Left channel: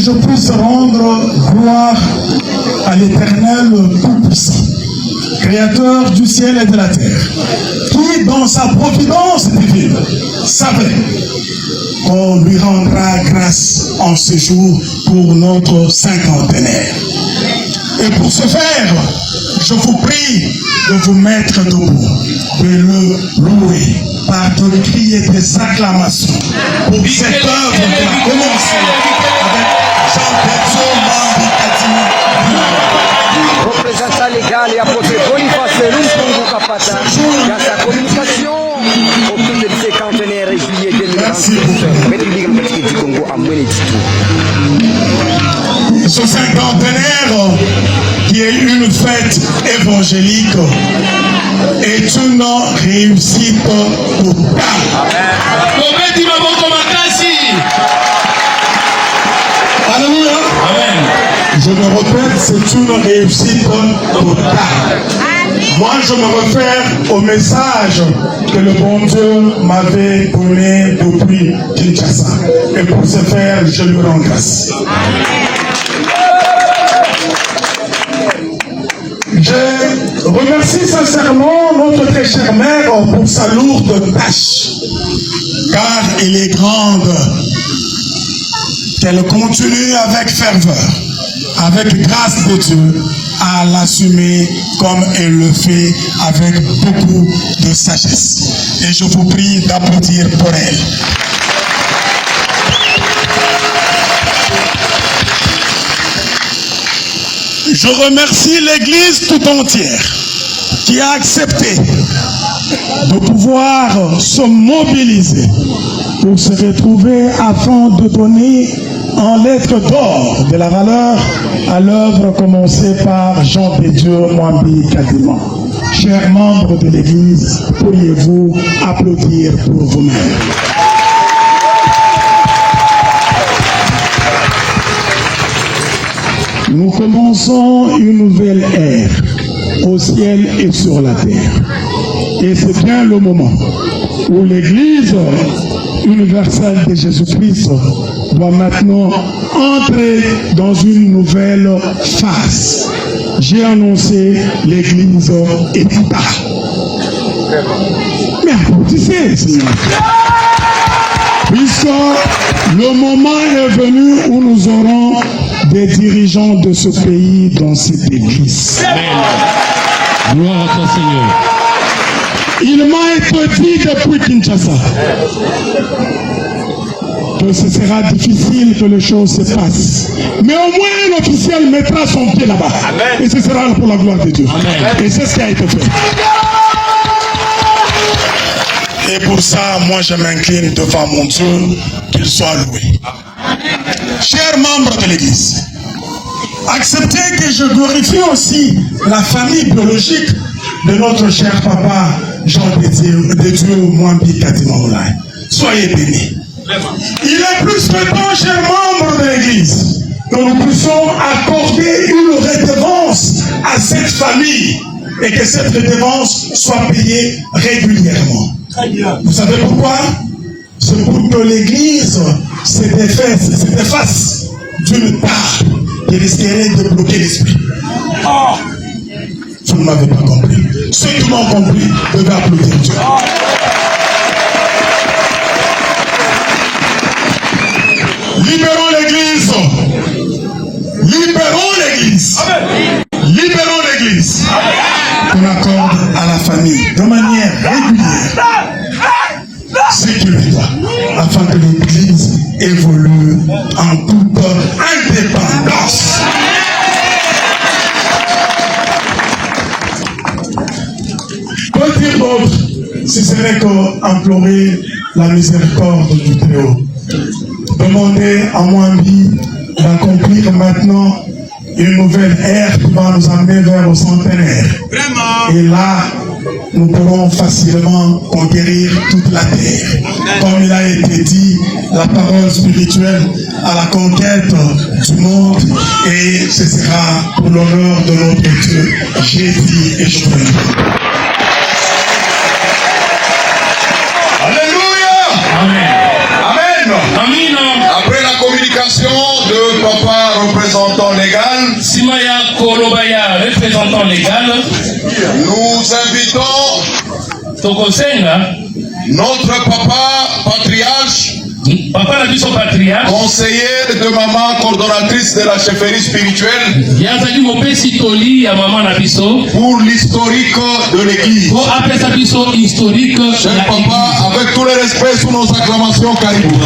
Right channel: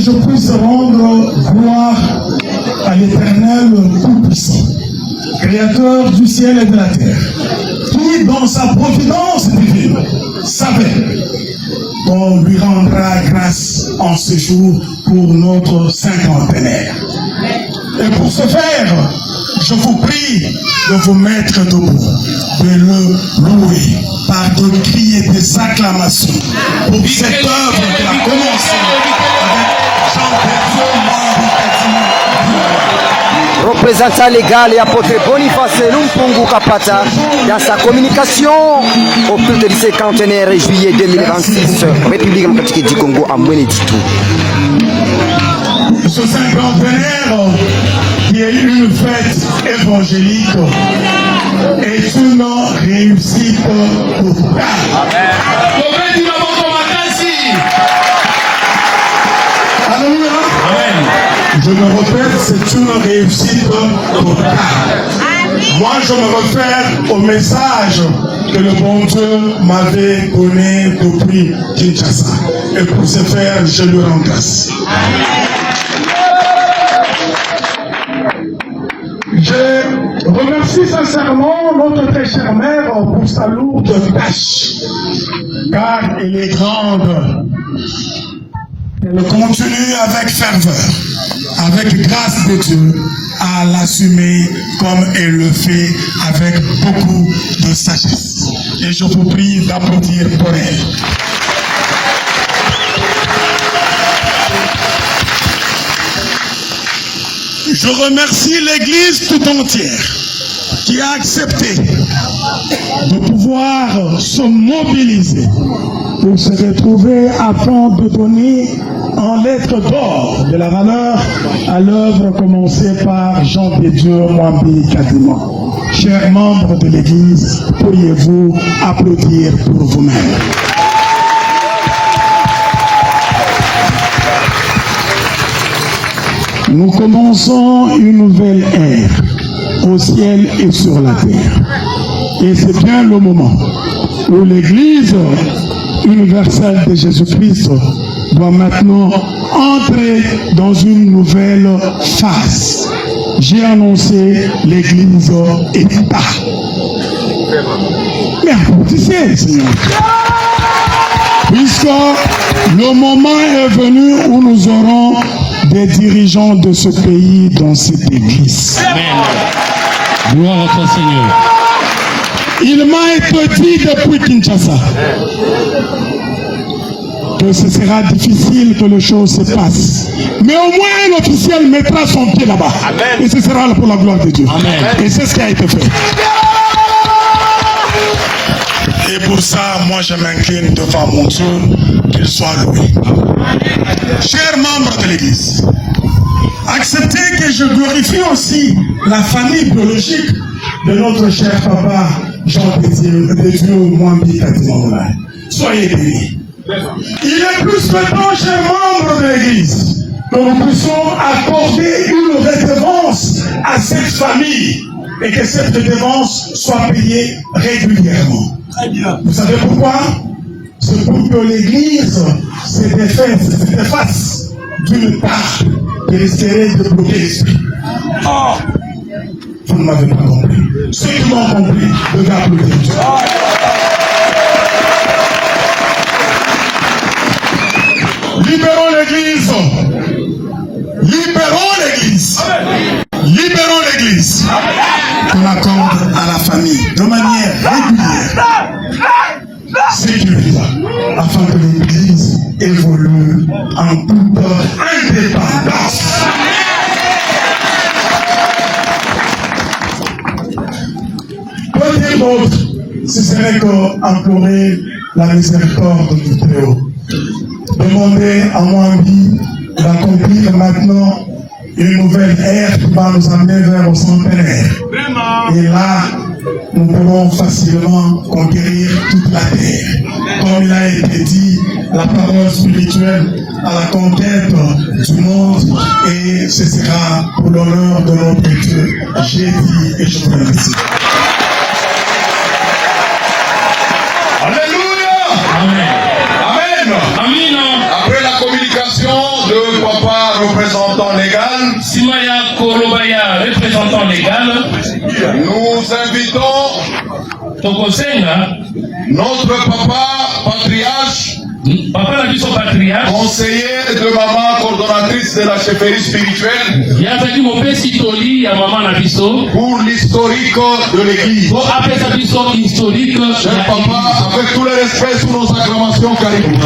je puisse rendre gloire à l'Éternel Tout-Puissant, Créateur du ciel et de la terre, qui, dans sa providence divine, savait qu'on lui rendra grâce en ce jour pour notre cinquantenaire. Et pour ce faire, je vous prie de vous mettre debout, de nous louer par de cris et des acclamations pour cette œuvre qui a commencé avec Jean représentant légal et apôtre Boniface Lumpungu Kapata dans sa communication au culte du cinquantenaire juillet 2026, République démocratique du Congo à Mweneditu. Ce cinquantenaire qui est une fête évangélique est une réussite totale. Amen. Alléluia. Amen. Je me répète, c'est une réussite totale. Moi, je me réfère au message que le bon Dieu m'avait donné depuis Kinshasa. Et pour ce faire, je lui rends grâce. Je remercie sincèrement notre très chère mère pour sa lourde tâche, car elle est grande, qu'elle continue avec ferveur, avec grâce de Dieu, à l'assumer comme elle le fait avec beaucoup de sagesse. Et je vous prie d'applaudir pour elle. Je remercie l'Église tout entière qui a accepté de pouvoir se mobiliser pour se retrouver afin de donner en lettres d'or de la valeur à l'œuvre commencée par Jean de Dieu Mwambi Kadima. Chers membres de l'Église, pourriez-vous applaudir pour vous-même? Nous commençons une nouvelle ère au ciel et sur la terre. Et c'est bien le moment où l'Église universelle de Jésus-Christ doit maintenant entrer dans une nouvelle phase. J'ai annoncé l'Église est pas. Mais applaudissez, Seigneur. Puisque le moment est venu où nous aurons des dirigeants de ce pays dans cette église. Amen. Gloire à toi, Seigneur. Il m'a été dit depuis Kinshasa que ce sera difficile que les choses se passent. Mais au moins l'officiel mettra son pied là-bas. Et ce sera pour la gloire de Dieu. Amen. Et c'est ce qui a été fait. Et pour ça, moi je m'incline devant mon Dieu, qu'il soit loué. Chers membres de l'Église, acceptez que je glorifie aussi la famille biologique de notre cher papa Jean de Dieu Mwambi Kadima. Soyez bénis. Il est plus que temps, chers membres de l'Église, que nous puissions accorder une récompense à cette famille et que cette récompense soit payée régulièrement. Vous savez pourquoi? C'est pour que l'Église se défasse d'une part qui risquerait de bloquer l'esprit. Oh. Vous ne m'avez pas compris. Ceux qui m'ont compris devaient applaudir Dieu. Libérons l'Église. Libérons l'Église. Libérons l'Église. On accorde à la famille de manière régulière ce qu'il doit, afin que l'Église évolue en toute indépendance. Peut-être d'autre, ce serait qu'implorer la miséricorde du Très-Haut. Demander à Mwambi d'accomplir maintenant une nouvelle ère qui va nous amener vers le centenaire. Et là, nous pourrons facilement conquérir toute la terre. Comme il a été dit, la parole spirituelle à la conquête du monde, et ce sera pour l'honneur de notre Dieu. J'ai dit et je vous remercie. Alléluia. Amen. Amen. Après la communication de légal, Simaya Kolobaya, représentant légal, nous invitons notre papa patriarche, papa na biso patriarche, conseiller de maman coordonnatrice de la chefferie spirituelle, yazaki mopesi toli ya mama na biso pour l'historique de l'église. po apesa biso historique. Cher papa, avec tout le respect sous nos acclamations, Caribou.